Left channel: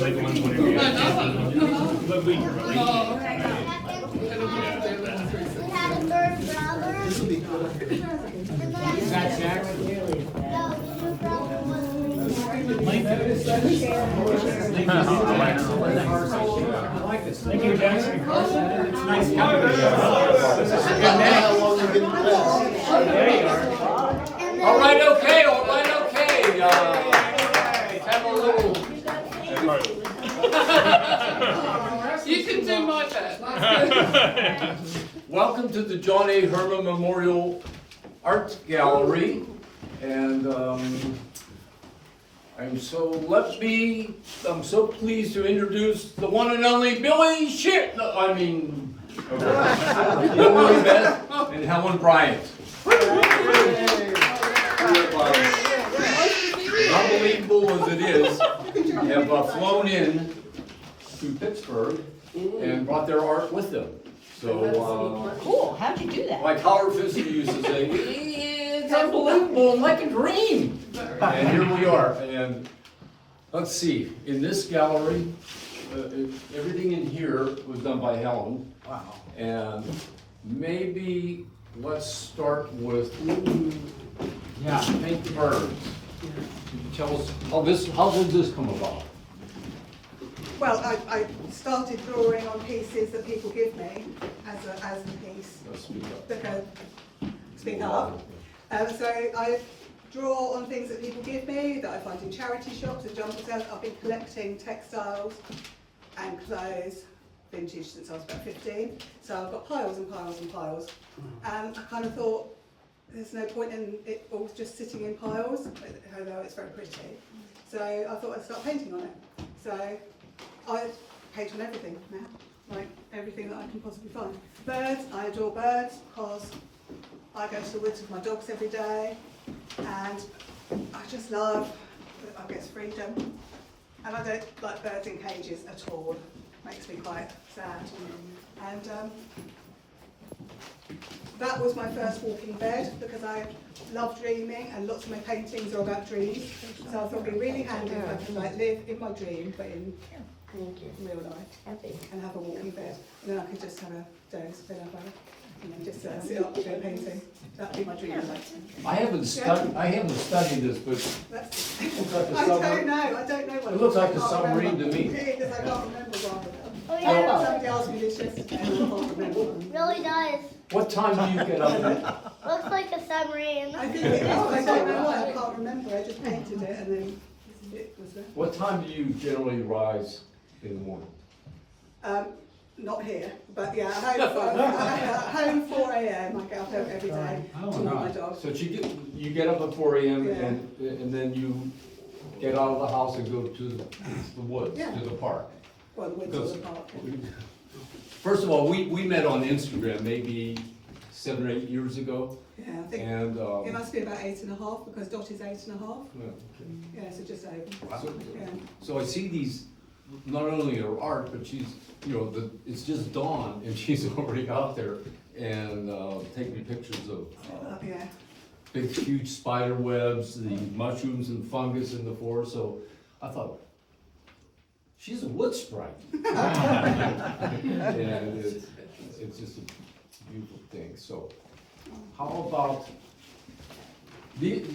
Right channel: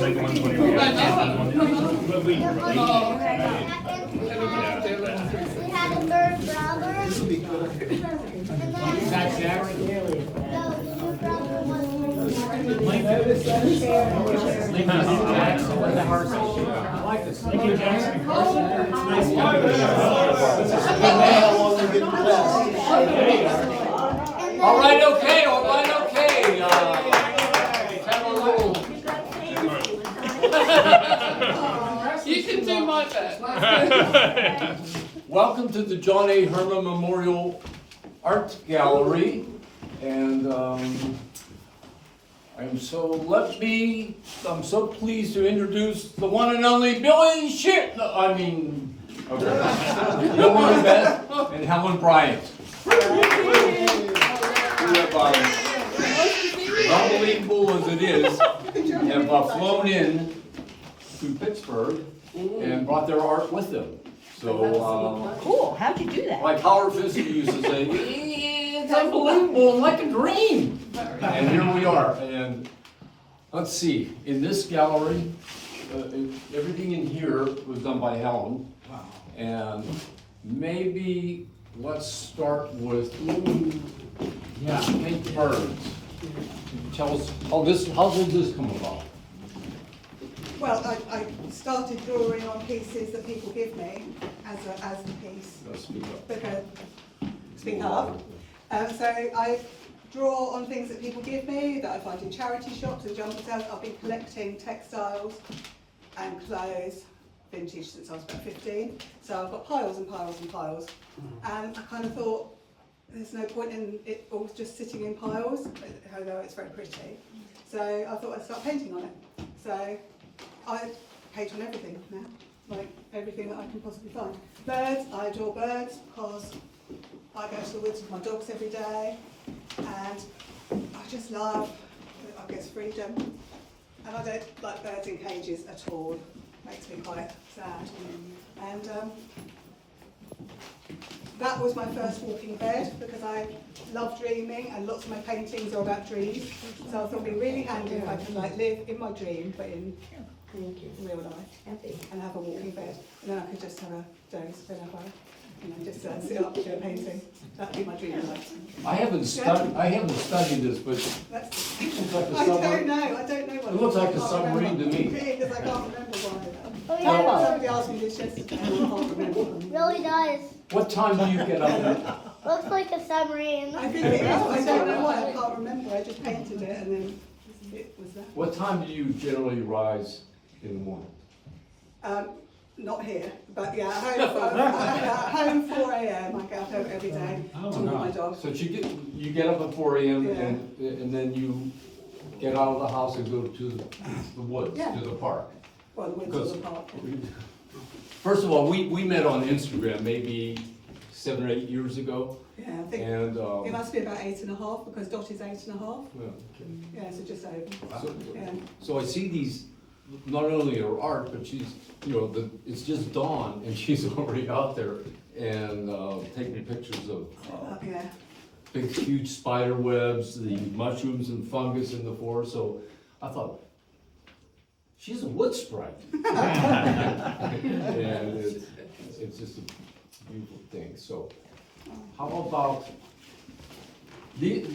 had a third brother. This will be good. Is that Jack? No, your brother was I like this. Lincoln Jackson. It's nice coverage. This is a good name. How long they give you class? There you are. All right, okay, all right, okay. Have a little. You can do my best. Welcome to the John A. Hermann Memorial Art Gallery, and I'm so pleased to introduce the one and only Billy Billy Beth and Helen Bryant. Unbelievable as it is, they have flown in to Pittsburgh and brought their art with them. So, Cool, how'd you do that? my power physics used to say, it's unbelievable, like a dream. And here we are, and let's see, in this gallery, everything in here was done by Helen. Wow. And maybe let's start with, pink birds. Tell us, how did this come about? Well, I started drawing on pieces that people give me as the piece. Let's speak up. Because, speak up. So I draw on things that people give me, that I find in charity shops and jumble sales. I've been collecting textiles and clothes, vintage, since I was about 15. So I've got piles and piles and piles. And I kind of thought, there's no point in it all just sitting in piles, although it's very pretty. So I thought I'd start painting on it. So I paint on everything now, like everything that I can possibly find. Birds, I adore birds because I go to the woods with my dogs every day, and I just love, I guess, freedom. And I don't like birds in cages at all. Makes me quite sad. And that was my first walking bed because I love dreaming, and lots of my paintings are about dreams. So I thought it'd be really handy if I could live in my dream, but in real life, and have a walking bed, and then I could just have a dose whenever, and then just sit up and do a painting. That'd be my dream life. I haven't studied this, but That's, it looks like a I don't submarine. know. I don't know what It looks like a I can't submarine to remember. me. Really, because I can't remember why. Oh, Somebody asked me this yesterday, and I can't remember. really does. What time do you get up? Looks like a submarine. I think it is. I don't know why. I can't remember. I just painted it, and then it was there. What time do you generally rise in the morning? Not here, but yeah, home 4 a.m. I get up every day to walk my dog. So you get up at 4 a.m. Yeah. and then you get out of the house and go to the woods, Yeah. to the park. Well, the woods Because or the park. first of all, we met on Instagram maybe 7 or 8 years ago, Yeah, I think and it must be about 8.5 because Dot is 8.5. well, Yeah, so just over. so, Yeah. so I see these, not only her art, but she's, it's just dawn and she's already out there and taking pictures of Yeah. big, huge spider webs, the mushrooms and fungus in the forest. So I thought, she's a wood sprite. And it's just a beautiful thing. So how about, these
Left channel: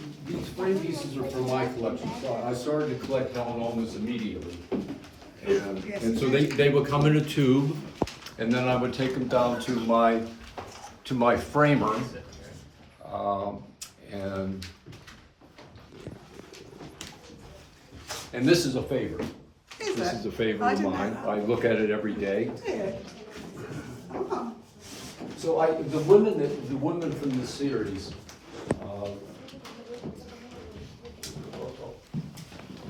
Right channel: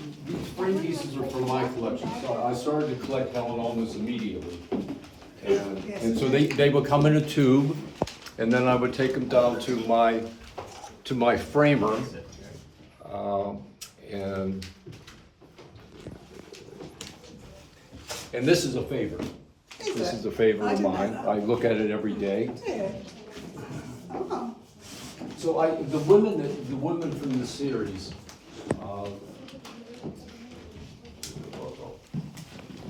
frame pieces are for my collection. So I started to collect Helen almost immediately. And so they would come in a tube, and then I would take them down to my framer. And this is a favorite. This is a favorite of mine. I look at it every day. Yeah. Oh. So the women from this series,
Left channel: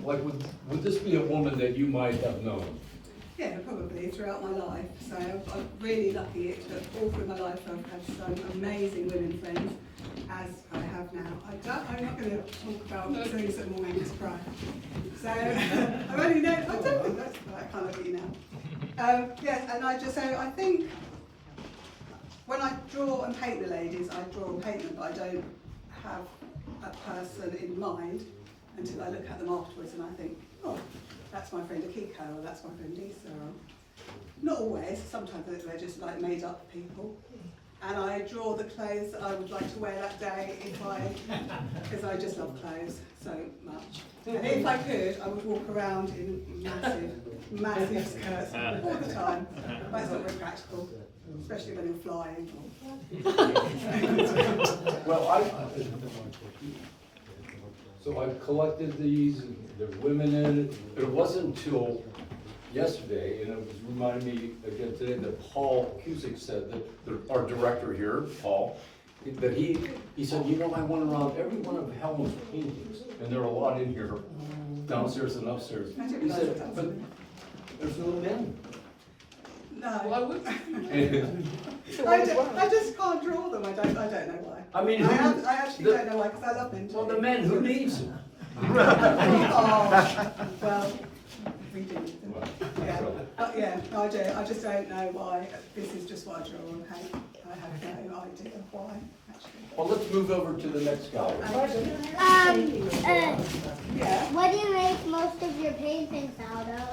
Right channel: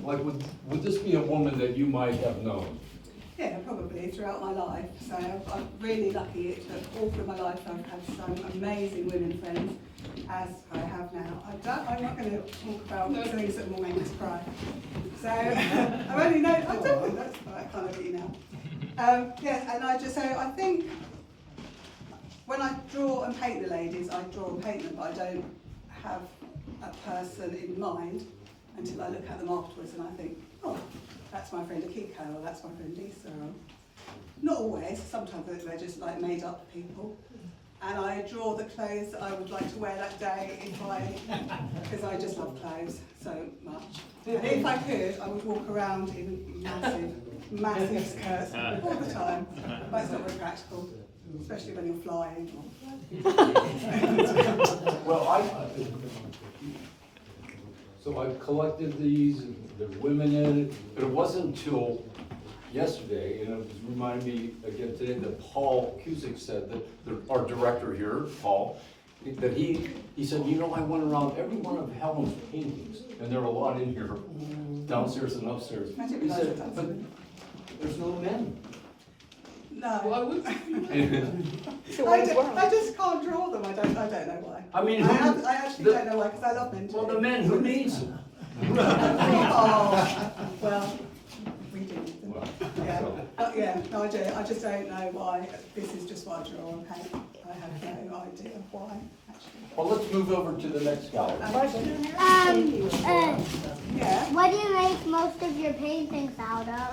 like would this be a woman that you might have known? Yeah, probably throughout my life. So I'm really lucky that all through my life I've had some amazing women friends, as I have now. I'm not going to talk about things that will make us cry. So I only know, I don't think that's, I can't look at you now. Yes, and I just say, I think when I draw and paint the ladies, I draw and paint them, but I don't have a person in mind until I look at them afterwards and I think, oh, that's my friend Akiko, or that's my friend Lisa. Or, not always, sometimes they're just like made up people. And I draw the clothes that I would like to wear that day because I just love clothes so much. And if I could, I would walk around in massive skirts all the time. But it's not very practical, especially when you're flying. Well, so I collected these, and there were women in it, but it wasn't until yesterday, and it was reminding me again today that Paul Cusick said that our director here, Paul, that he said, you know, I went around every one of Helen's paintings, and there are a lot in here, downstairs and upstairs. He said, but there's no men. No. Well, I would. I just can't draw them. I don't know why. I mean, I actually don't know why, because I love them too. Well, the men, who needs them? Oh, well, we do. Yeah. But yeah, I do. I just don't know why. This is just what I draw on paint. I have no idea why, actually. Well, let's move over to the next gallery. What do you make most of your paintings out of?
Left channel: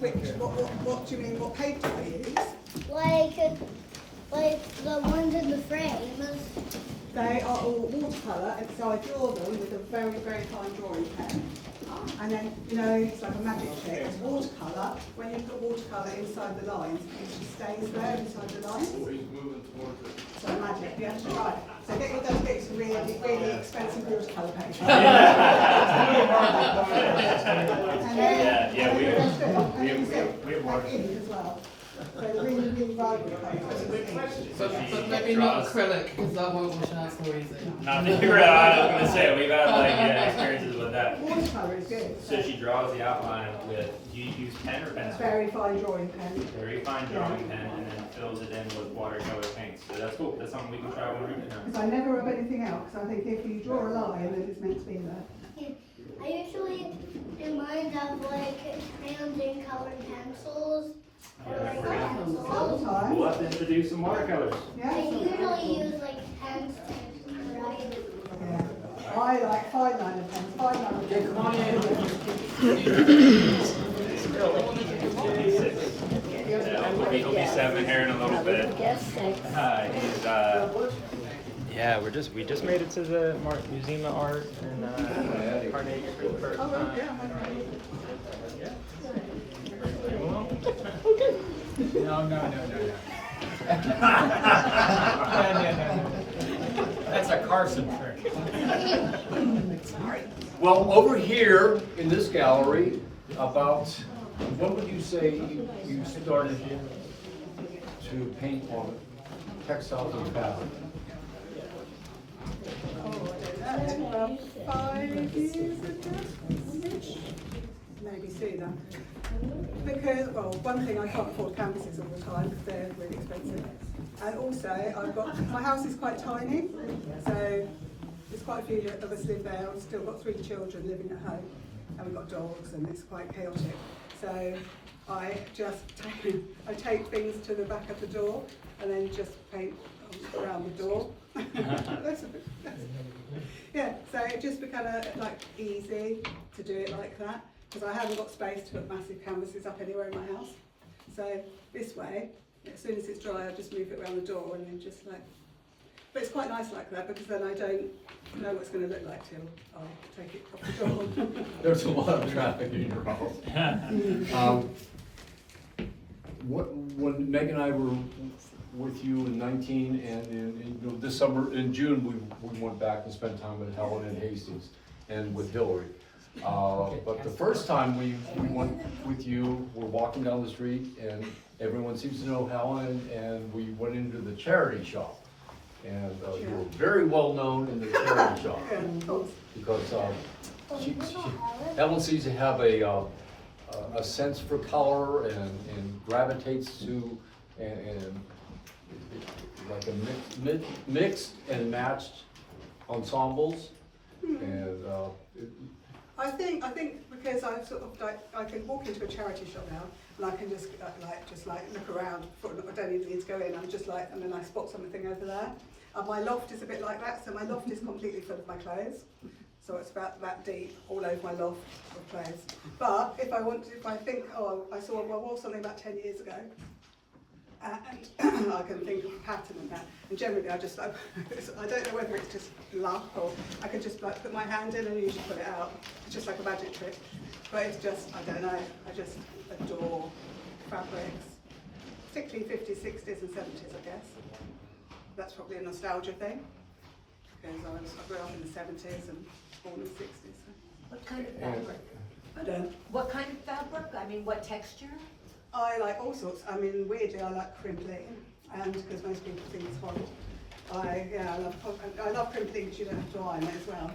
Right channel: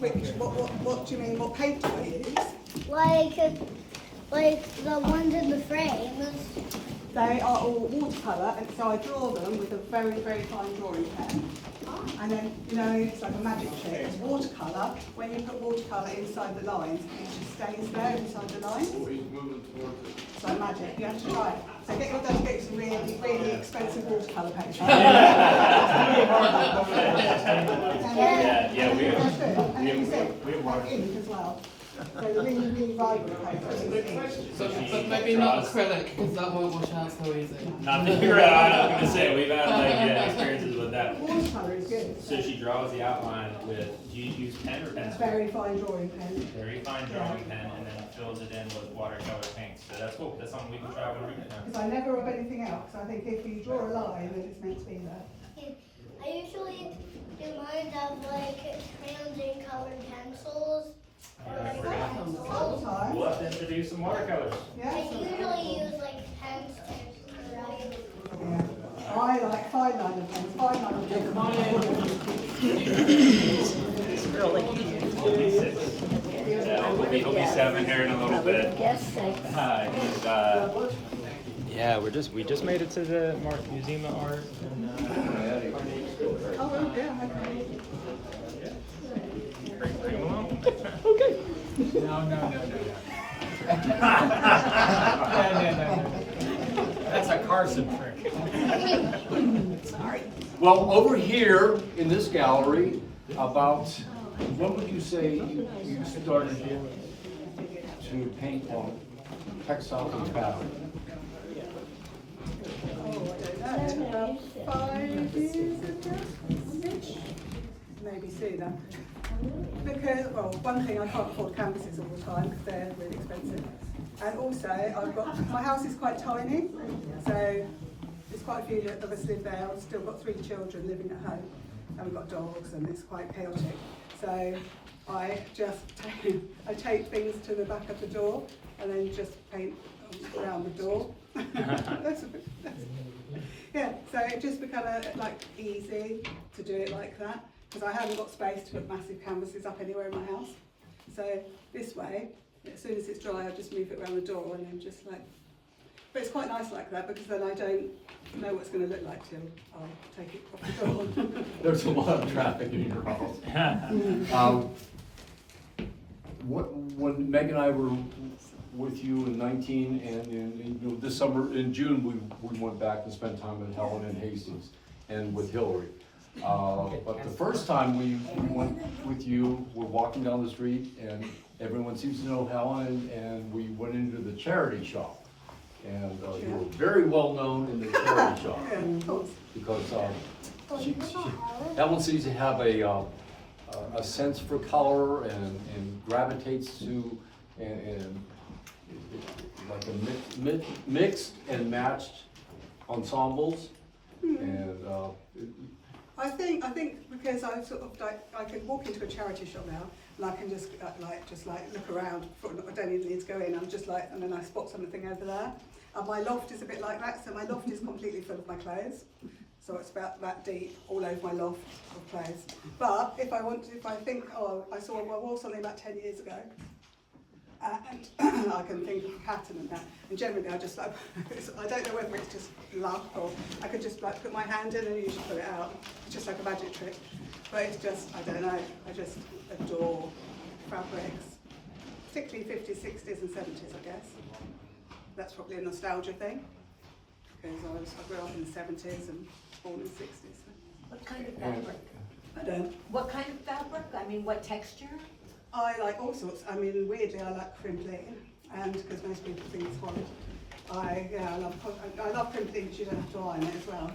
What do you mean? What paint do I use? Like the ones in the frames. They are all watercolour, and so I draw them with a very, very fine drawing pen. And then, you know, it's like a magic trick. It's watercolour. When you put watercolour inside the lines, it just stays there inside the lines. It's like magic. You have to try it. So get your those bits of really, really expensive watercolour pens. We have ink as well. So the really, really vibrant paint. But maybe not acrylic, because that won't wash out so easy. Nothing real. I was gonna say we've had like experiences with that. Watercolour is good. So she draws the outline with. Do you use pen or pencil? Very fine drawing pen. Very fine drawing pen, and then fills it in with watercolor paints. So that's cool. That's something we can try when we're doing Because I never rub anything out, because I think if you draw a line, then it's meant to be there. I usually do mine of like crayons and colored pencils. Or like pencils. All the time. We'll have to introduce some watercolors. Yeah. I usually use like pens to write. Yeah. I like fine line pens. Fine line He'll be 7 here in a little bit. Yeah, we just made it to the Museum of Art and Okay. No. That's a Carson trick. Well, over here in this gallery, about, when would you say you started to paint on textiles and fabric? 5 years ago? Maybe sooner. Because, well, one thing, I can't afford canvases all the time because they're really expensive. And also, my house is quite tiny, so there's quite a few of us live there. I've still got 3 children living at home, and we've got dogs, and it's quite chaotic. So I just take things to the back of the door, and then just paint around the door. Yeah, so it just became like easy to do it like that, because I haven't got space to put massive canvases up anywhere in my house. So this way, as soon as it's dry, I'll just move it around the door and then just like, but it's quite nice like that, because then I don't know what it's going to look like till I'll take it off the door. There's a lot of traffic in your house. When Meg and I were with you in 19, and in this summer, in June, we went back and spent time with Helen and Hastings and with Hilary. But the first time we went with you, we're walking down the street, and everyone seems to know Helen, and we went into the charity shop. And you were very well known in the charity shop, because Helen seems to have a sense for color and gravitates to and like a mixed and matched ensembles. And I think because I've sort of like, I can walk into a charity shop now and I can just look around. I don't even need to go in. I'm just like, and then I spot something over there. And my loft is a bit like that. So my loft is completely full of my clothes. So it's about that deep all over my loft of clothes. But if I think, oh, I wore something about 10 years ago, and I can think of a pattern and that. And generally I just like, I don't know whether it's just luck or I could just like put my hand in and usually put it out. It's just like a magic trick. But it's just, I don't know, I just adore fabrics. Particularly 50s, 60s and 70s, I guess. That's probably a nostalgia thing. Because I grew up in the 70s and born in the 60s. So. What kind of fabric? I don't. What kind of fabric? I mean, what texture? I like all sorts. I mean, weirdly, I like crimping, and because most people think it's horrible. I love crimping because you don't have to iron it as well.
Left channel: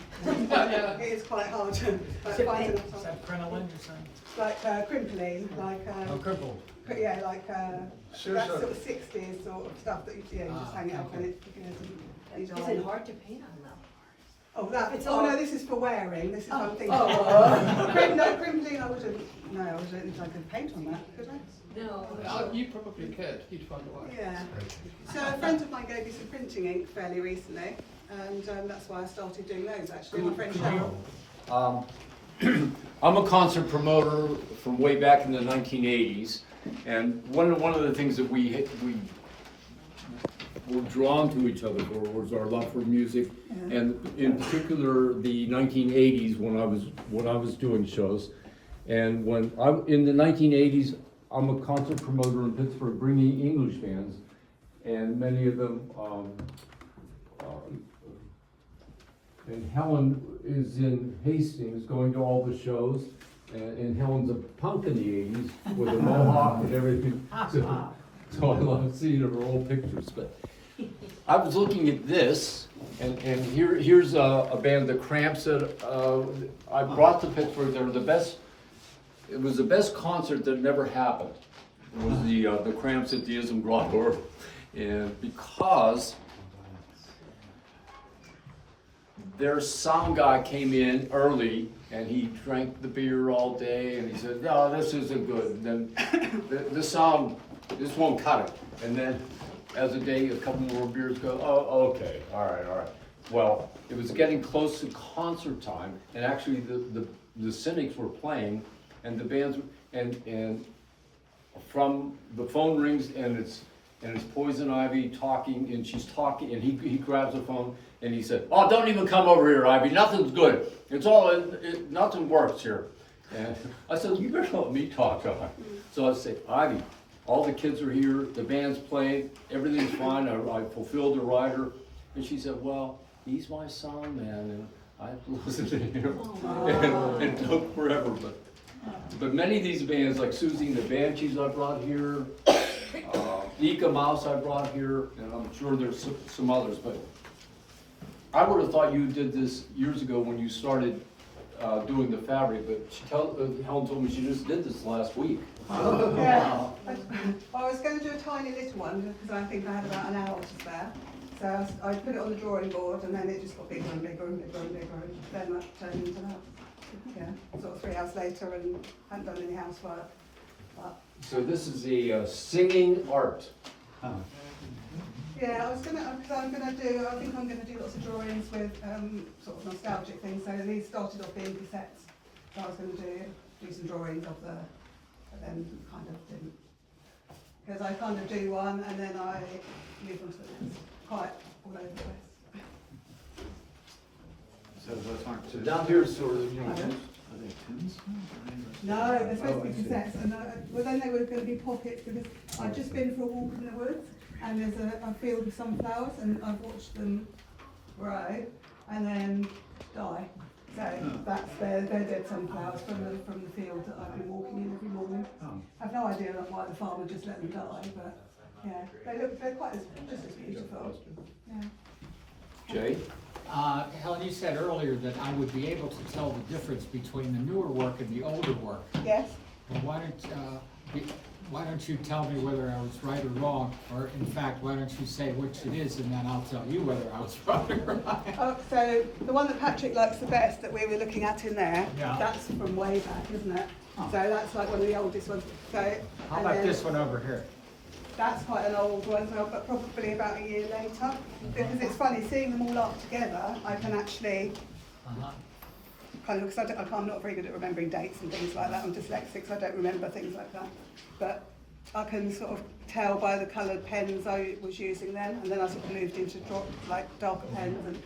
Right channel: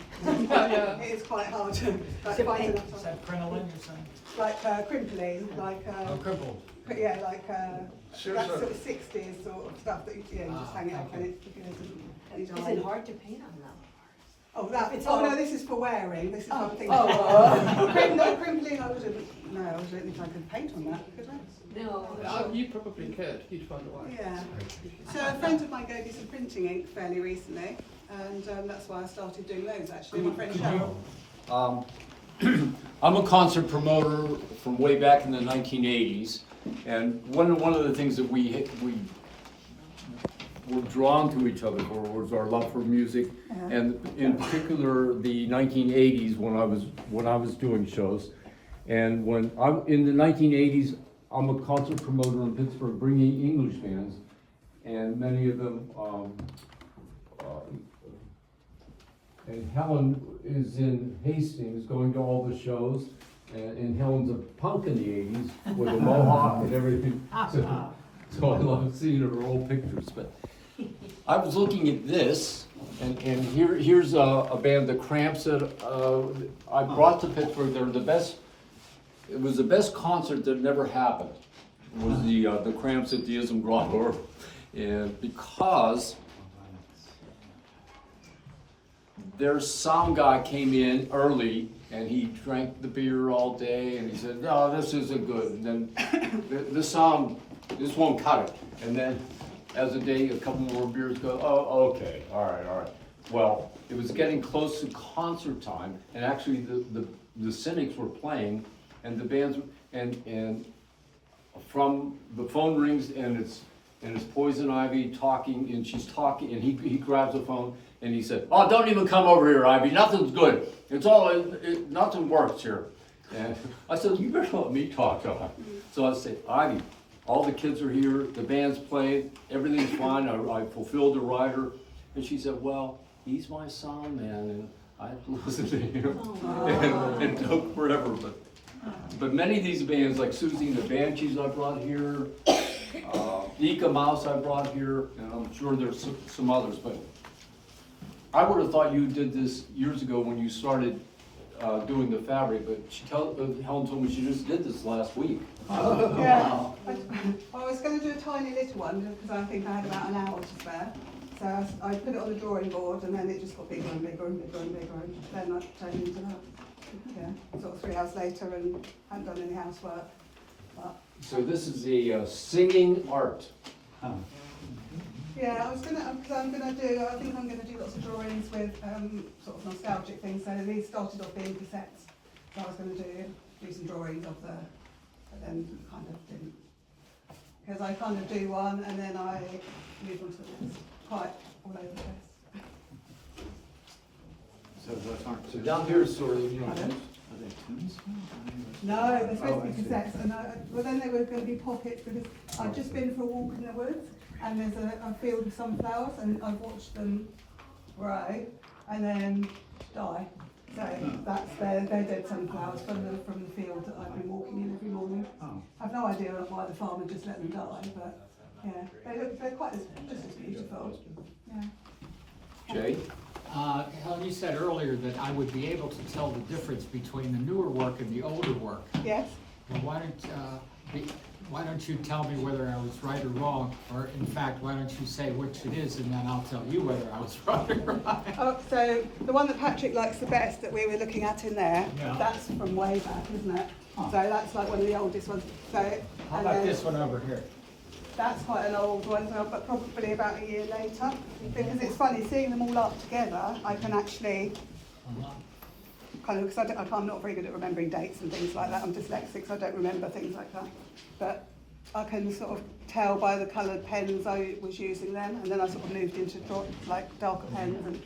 It is quite hard to find enough time. Is that crinoline you're saying? Like crimpling, like Crumple. but yeah, like that sort of 60s sort of stuff that you just hang out in it. Is it hard to paint on them? Oh, that. It's Oh all- no, this is for wearing. This is something. Oh. No, crimpling. I wouldn't. No, I don't think I could paint on that. Could I? No. You probably could. You'd find a way. Yeah. So a friend of mine gave me some printing ink fairly recently, and that's why I started doing those actually. My friend Helen. I'm a concert promoter from way back in the 1980s, and one of the things that we were drawn to each other for was our love for music, and in particular the 1980s when I was doing shows, and when in the 1980s I'm a concert promoter in Pittsburgh, bringing English bands, and many of them. And Helen is in Hastings going to all the shows, and Helen's a punk in the 80s with a mohawk and everything. So I love seeing her old pictures. But I was looking at this, and here's a band, the Cramps, that I brought to Pittsburgh. They were the best. It was the best concert that never happened. It was the Cramps at the Ism Grotto, and because their sound guy came in early and he drank the beer all day and he said, no, this isn't good. And then this won't cut it. And then as the day, a couple more beers go, oh, okay, all right. Well, it was getting close to concert time, and actually the Cynics were playing, and the bands, and from the phone rings and it's Poison Ivy talking, and she's talking, and he grabs the phone and he said, oh, don't even come over here, Ivy, nothing's good. Nothing works here. And I said, you better let me talk to her. So I said, Ivy, all the kids are here, the band's playing, everything's fine, I fulfilled the rider. And she said, well, he's my son, man, and I have to listen to him. And it took forever, but many of these bands, like Susie and the Banshees I brought here, Nika Mouse I brought here, and I'm sure there's some others, but I would have thought you did this years ago when you started doing the fabric, but Helen told me she just did this last week. Yeah. I was going to do a tiny little one because I think I had about an hour to spare. So I put it on the drawing board, and then it just got bigger and bigger and bigger and bigger, and then that turned into that. Sort of 3 hours later, and hadn't done any housework. But So this is a singing art. yeah, I think I'm gonna do lots of drawings with sort of nostalgic things. So these started off being cassettes. So I was going to do some drawings of but then kind of didn't. Because I kind of do one and then I move on to the next. Quite all over the place. So down here is sort of, No, they're supposed to be cassettes, and well then they were going to be pockets because I've just been for a walk in the woods and there's a field of sunflowers and I've watched them grow and then die. So that's they're dead sunflowers from the field that I've been walking in every morning. I've no idea why the farmer just let them die, but yeah, they're quite just as beautiful. Yeah. Jay? Helen, you said earlier that I would be able to tell the difference between the newer work and the older work. Yes. And why don't you tell me whether I was right or wrong, or in fact, why don't you say which it is, and then I'll tell you whether I was right or right. Oh, so the one that Patrick likes the best that we were looking at in there, Yeah. that's from way back, isn't it? So that's like one of the oldest ones. So, How and about then this one over here? That's quite an old one, so, but probably about a year later. Because it's funny, seeing them all up together, I can actually kind of, because I'm not very good at remembering dates and things like that. I'm dyslexic, so I don't remember things like that. But I can sort of tell by the coloured pens I was using then, and then I sort of moved into like darker pens, and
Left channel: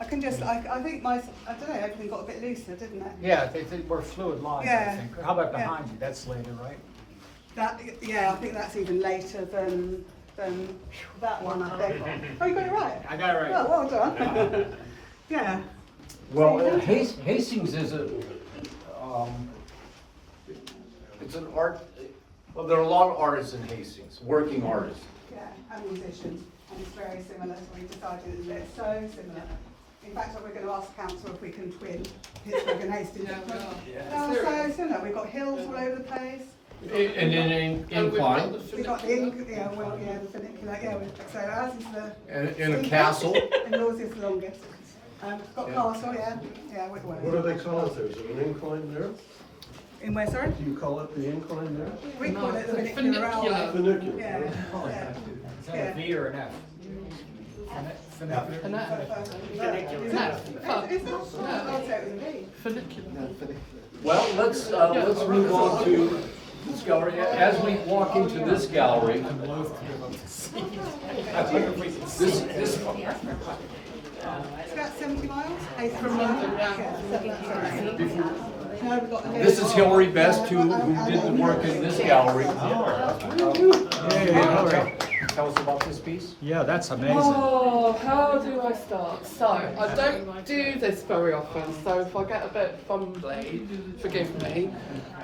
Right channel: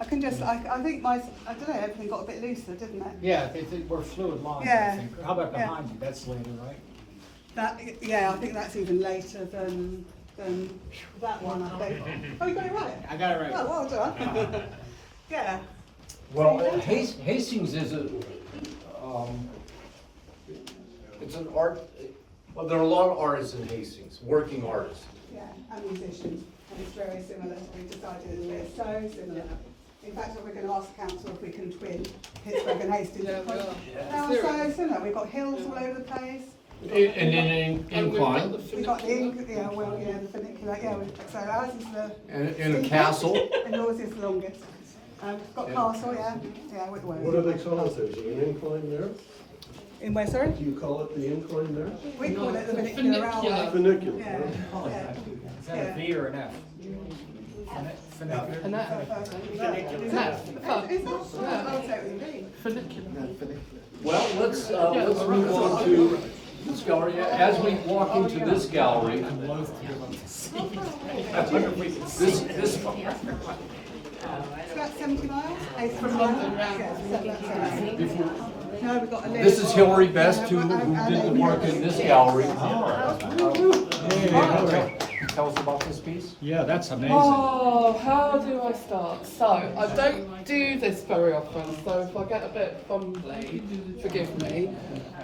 I can just, I think I don't know, everything got a bit looser, didn't it? Yeah, they were fluid lines, I Yeah. think. How about Yeah. behind you? That's later, right? That, yeah, I think that's even later than that one, I think. Oh, you got it right? I got it right. Oh, well done. Yeah. Well, So you don't- Hastings is it's an art, well, there are a lot of artists in Hastings, working artists. Yeah, and musicians, and it's very similar, so we decided that they're so similar. In fact, we're going to ask council if we can twin Pittsburgh and Hastings. Yeah, we are. They are so similar, we've got hills all over the place. And then And we've got incline, the We've got the, funicular. the funicular, yeah, so ours is the. and a castle. And yours is the longest. We've got castle, yeah, What do they call it? Is it an incline there? In where, sorry? Do you call it the incline there? We call it the No, funicular. funicular. Funicular. Yeah, right? Is that yeah. a V or an F? Funicular? And that- Funicular. Well, let's move on to this gallery. As we walk into this gallery, this, It's about 70 miles, 80 from London. No, we've got a this is Hilary Best, who did the work in this gallery. Hey, Hilary. Tell us about this piece. Yeah, that's amazing. Oh, how do I start? So, I don't do this very often, so if I get a bit fumbly, forgive me.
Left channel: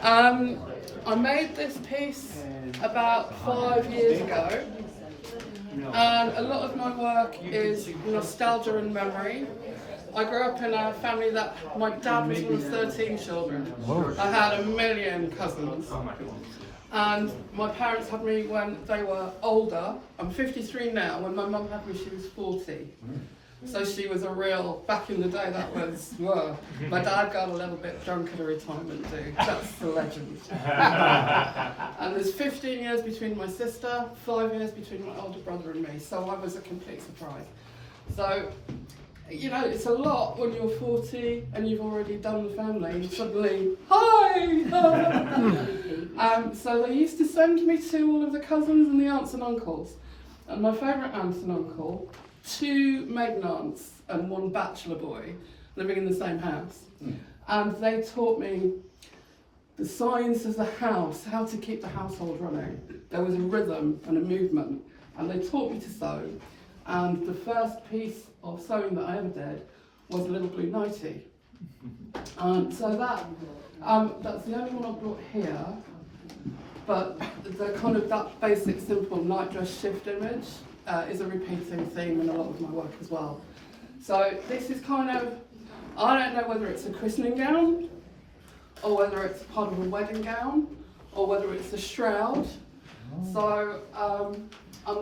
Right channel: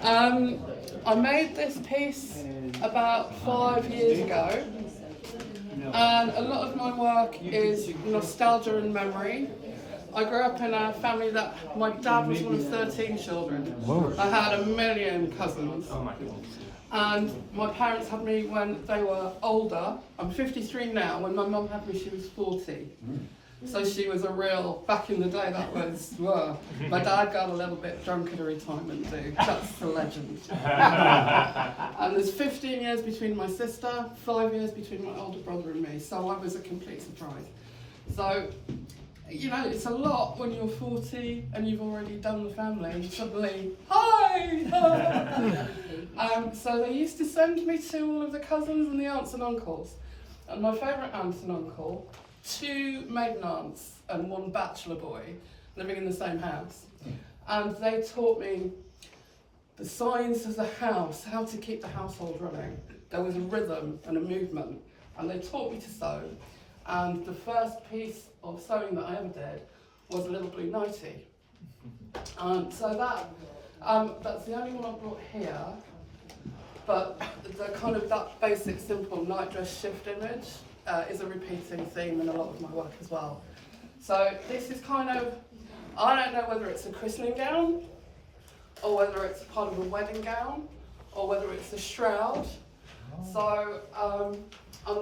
I made this piece about 5 years ago, and a lot of my work is nostalgia and memory. I grew up in a family that my dad was one of 13 children. I had a million cousins. And my parents had me when they were older. I'm 53 now. When my mum had me, she was 40. So she was a real, back in the day, that was, my dad got a little bit drunk at a retirement do. That's the legend. And there's 15 years between my sister, 5 years between my older brother and me. So I was a complete surprise. So, you know, it's a lot when you're 40 and you've already done the family. And suddenly, hi! So they used to send me to all of the cousins and the aunts and uncles. And my favourite aunt and uncle, 2 maiden aunts and 1 bachelor boy living in the same house. And they taught me the science of the house, how to keep the household running. There was a rhythm and a movement, and they taught me to sew. And the first piece of sewing that I ever did was a little blue nightie. So that's the only one I brought here. But the kind of that basic, simple night dress shift image is a repeating theme in a lot of my work as well. So this is kind of, I don't know whether it's a christening gown, or whether it's part of a wedding gown, or whether it's a shroud. So I'm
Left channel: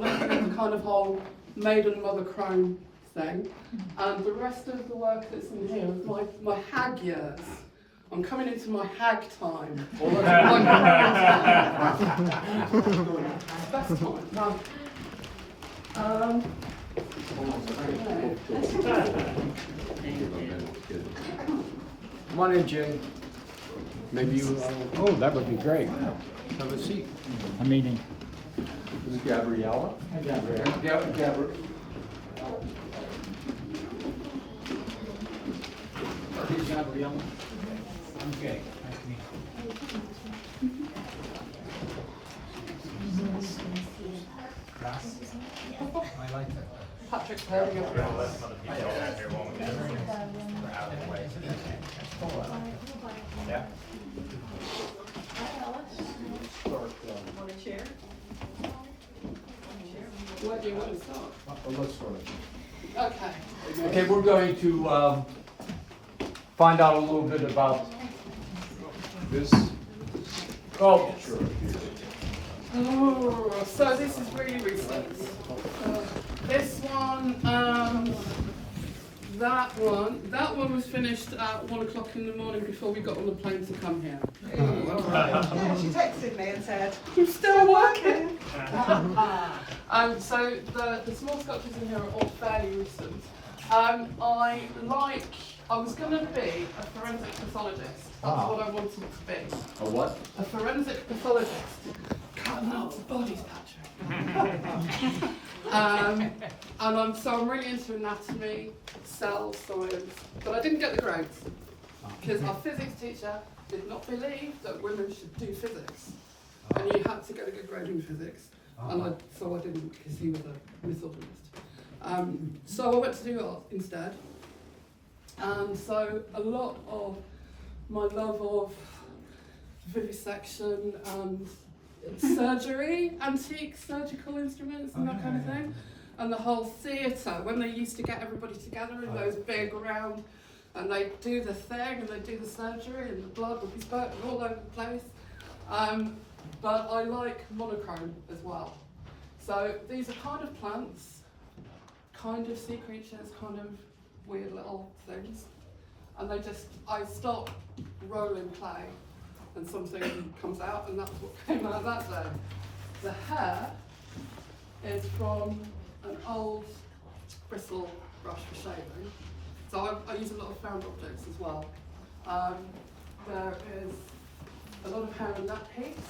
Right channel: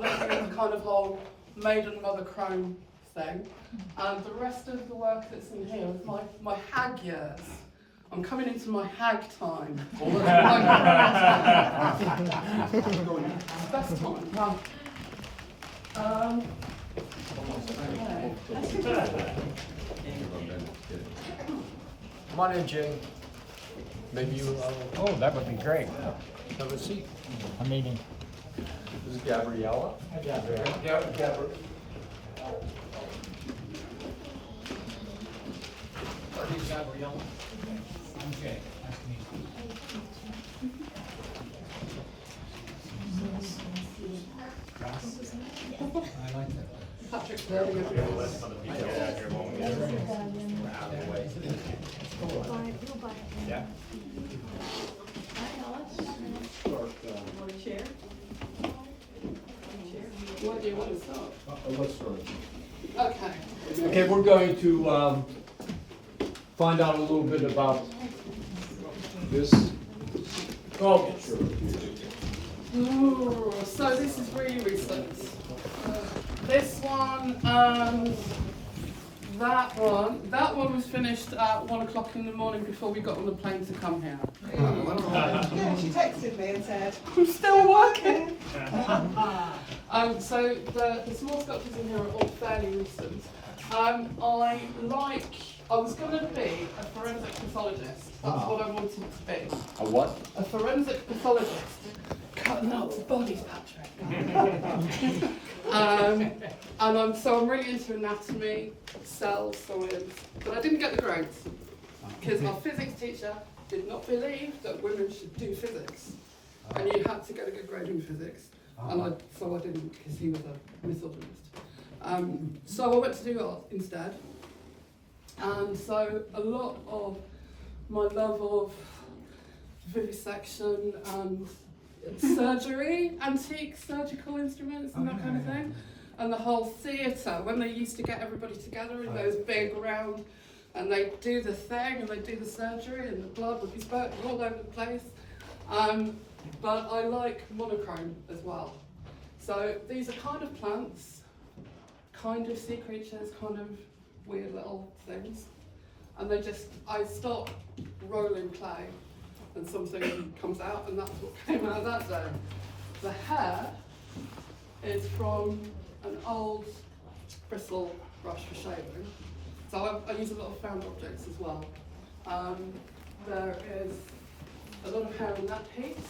looking at the kind of whole maiden mother crone thing. And the rest of the work that's in here is my hag years. I'm coming into my hag time. Best time. Come on in, Jay. Maybe you, oh, that would be great. Have a seat. A meeting. Gabriella? Gabriella. Okay, nice to meet you. Gracias. I like that. Patrick's there again. Where do you want to start? Let's start. Okay. Okay, we're going to find out a little bit about this sculpture. Oh, so this is really recent. This one and that one was finished at 1 o'clock in the morning before we got on the plane to come here. Yeah, she texted me and said, I'm still working. So the small sculptures in here are all fairly recent. I like I was going to be a forensic pathologist. That's what I wanted to be. A what? A forensic pathologist. Cutting out the bodies, Patrick. So I'm really into anatomy, cell science, but I didn't get the grades because our physics teacher did not believe that women should do physics, and you had to get a good grade in physics, so I didn't because he was a misogynist. So I went to do art instead, and so a lot of my love of vivisection and surgery, antique surgical instruments and that kind of thing, and the whole theatre, when they used to get everybody together in those big round, and they do the thing and they do the surgery and the blood would be spurting all over the place. But I like monochrome as well. So these are kind of plants, kind of sea creatures, kind of weird little things, and I start rolling clay and something comes out, and that's what came out of that day. The hair is from an old bristle brush for shaving. So I use a lot of found objects as well. There is a lot of hair in that piece.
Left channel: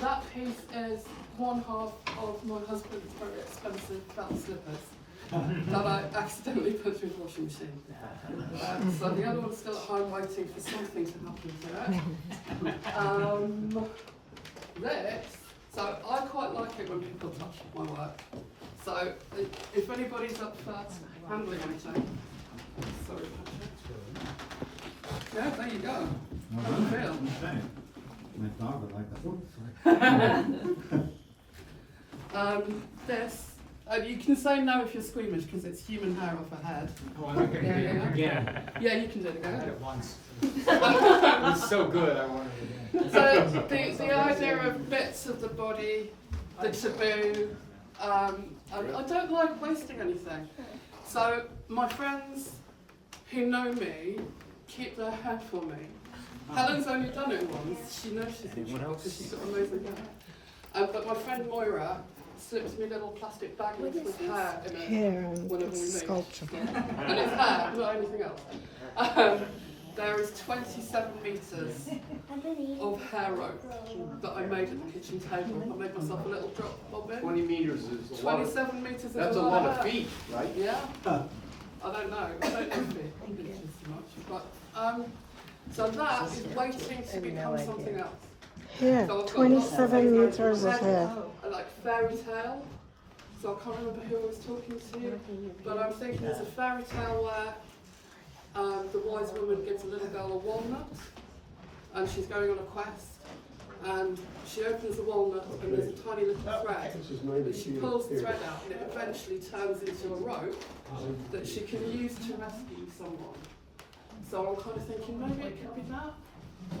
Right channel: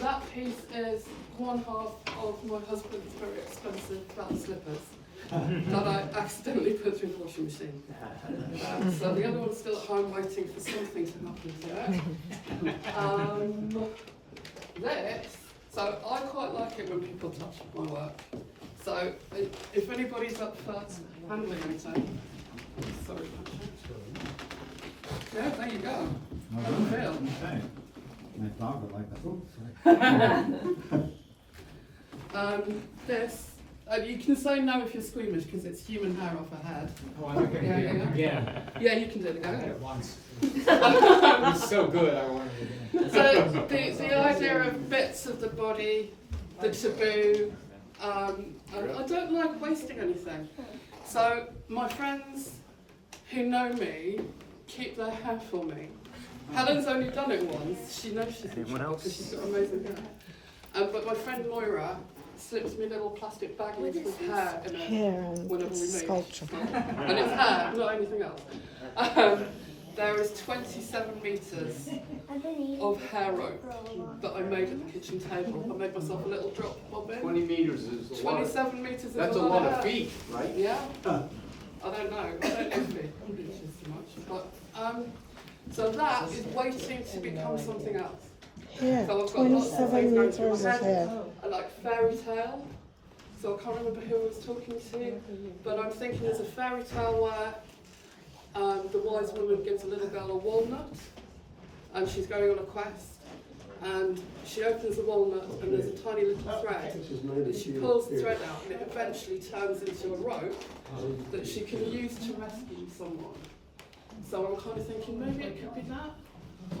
That piece is one half of my husband's very expensive belt slippers that I accidentally put through the washing machine. So the other one's still at home waiting for something to happen to it. So I quite like it when people touch my work. So if anybody's up for handling anything, sorry. Yeah, there you go. How do you feel? My dog would like that. This, you can say no if you're squeamish because it's human hair off a head. Oh, I can do it again. Yeah, you can do it I did again. it once. It was so good, I wanted it again. So the idea of bits of the body, the taboo, and I don't like wasting anything. So my friends who know me keep their hair for me. Helen's only done it once. She knows she's because she's got amazing hair. But my friend Moira slips me little plastic baggies with hair in it. And sculpture. And it's hair, not anything else. There is 27 metres of hair rope that I made at the kitchen table. I made myself a little drop bobbin. 20 meters is a lot. 27 metres. That's a lot of feet, right? Yeah. I don't know. I don't know feet too much. But so that is waiting to become something else. Here, So I've got 27 lots meters of hair. I like fairy tale. So I can't remember who I was talking to, but I'm thinking there's a fairy tale where the wise woman gives a little girl a walnut, and she's going on a quest, and she opens the walnut, and there's a tiny little thread, and she pulls the thread out, and it eventually turns into a rope that she can use to rescue someone. So I'm kind of thinking maybe it could be that,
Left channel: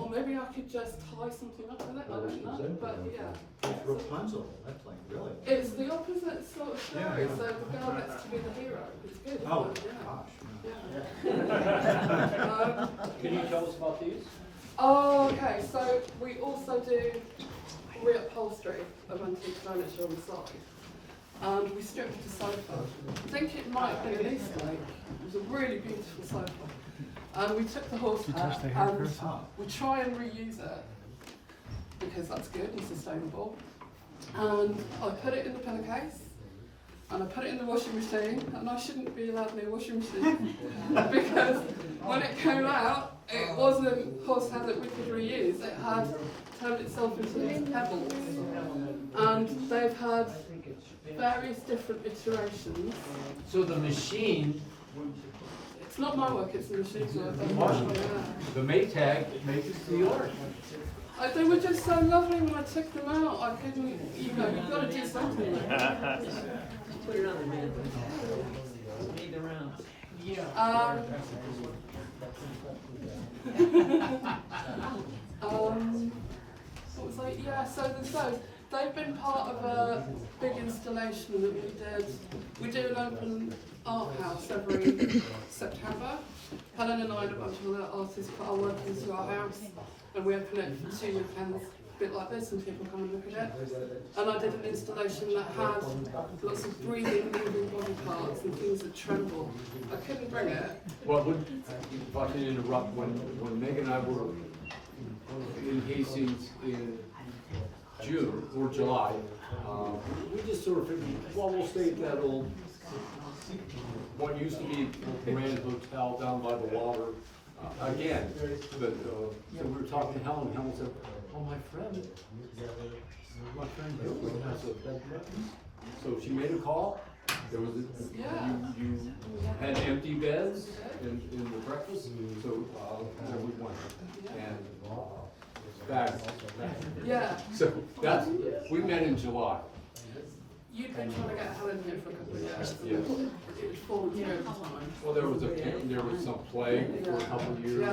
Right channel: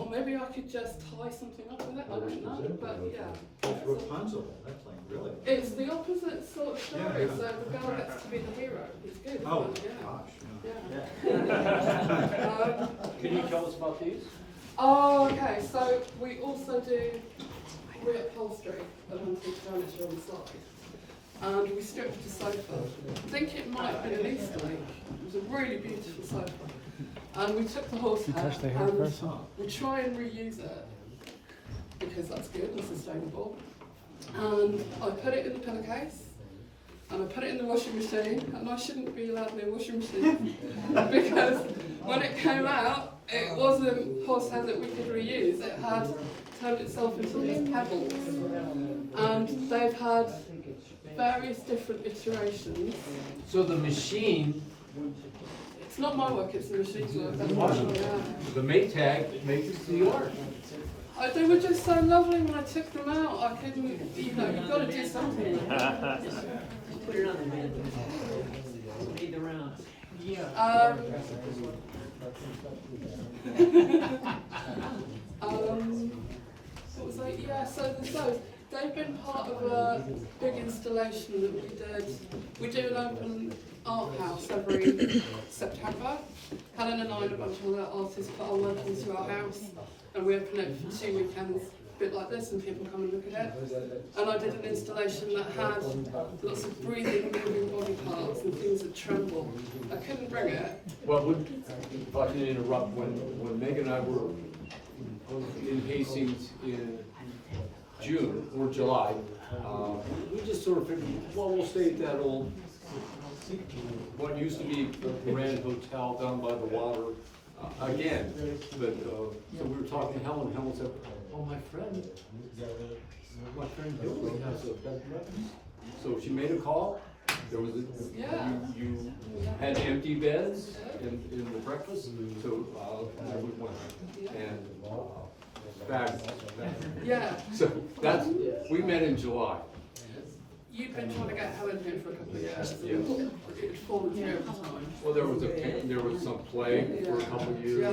or maybe I could just tie something up with it. I don't know, but yeah. It's Rapunzel, that's like, really. It's the opposite sort of story, so the girl gets to be the hero. It's good. Oh, Yeah. gosh. Can you tell us about these? Oh, okay. So we also do reupholstery of antique furniture on the side. And we stripped the sofa. I think it might have been an Easter egg. It was a really beautiful sofa. And we took the horsehair and we try and reuse it because that's good and sustainable. And I put it in the pillowcase and I put it in the washing machine, and I shouldn't be allowed near washing machine because when it came out, it wasn't horsehair that we could reuse. It had turned itself into these pebbles, and they've had various different iterations. So the machine, It's not my work; it's the machine's work. the Maytag makes the art. They were just so lovely when I took them out. I couldn't, you've got to do something with them. What was I? Yeah, so there's those. They've been part of a big installation that we did. We do an open art house every September. Helen and I and a bunch of other artists put our work into our house, and we open it for 2 weekends bit like this and people come and look at it. And I did an installation that had lots of breathing, moving body parts and things that tremble. I couldn't bring it. Well, if I could interrupt, when Meg and I were in Hastings in June or July, we just sort of figured, well, we'll stay at that old, what used to be the Grand Hotel down by the water. Again, but, so we were talking to Helen, Helen said, oh, my friend Hilary has a bed and breakfast. So she made a call, there was, you had empty beds in the breakfast, so, we went, and, fabulous. Yeah. So that's, we met in July. You've been trying to get Helen here for a couple of years. Yes. It was fallen through at the time. Well, there was some plague for a couple of years. Yeah,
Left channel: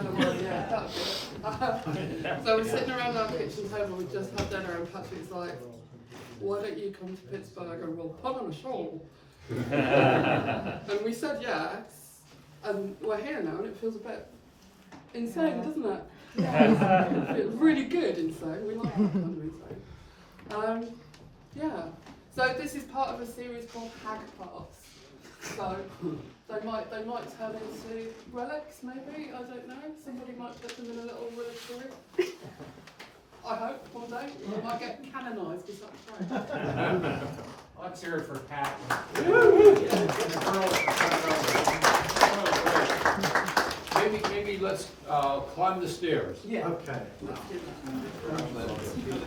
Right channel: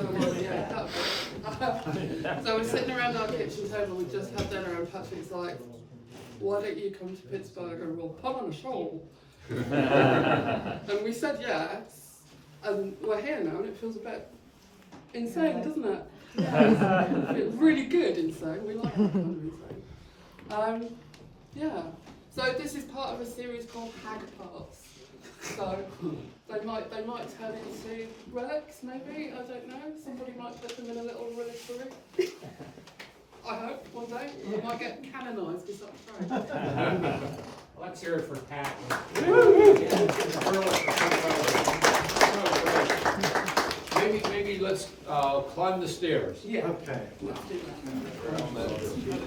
that was it. So we're sitting around our kitchen table, we just had dinner, and Patrick's like, why don't you come to Pittsburgh and we'll put on a show? And we said yes, and we're here now, and it feels a bit insane, doesn't it? Yeah. It feels really good insane. We like that kind of insane. Yeah. So this is part of a series called Hag Parts. So they might turn into relics, maybe, I don't know. Somebody might put them in a little reliquary. I hope one day we might get canonised or something. Let's hear it for Pat. Maybe let's climb the stairs. Yeah. Okay. Let's do that.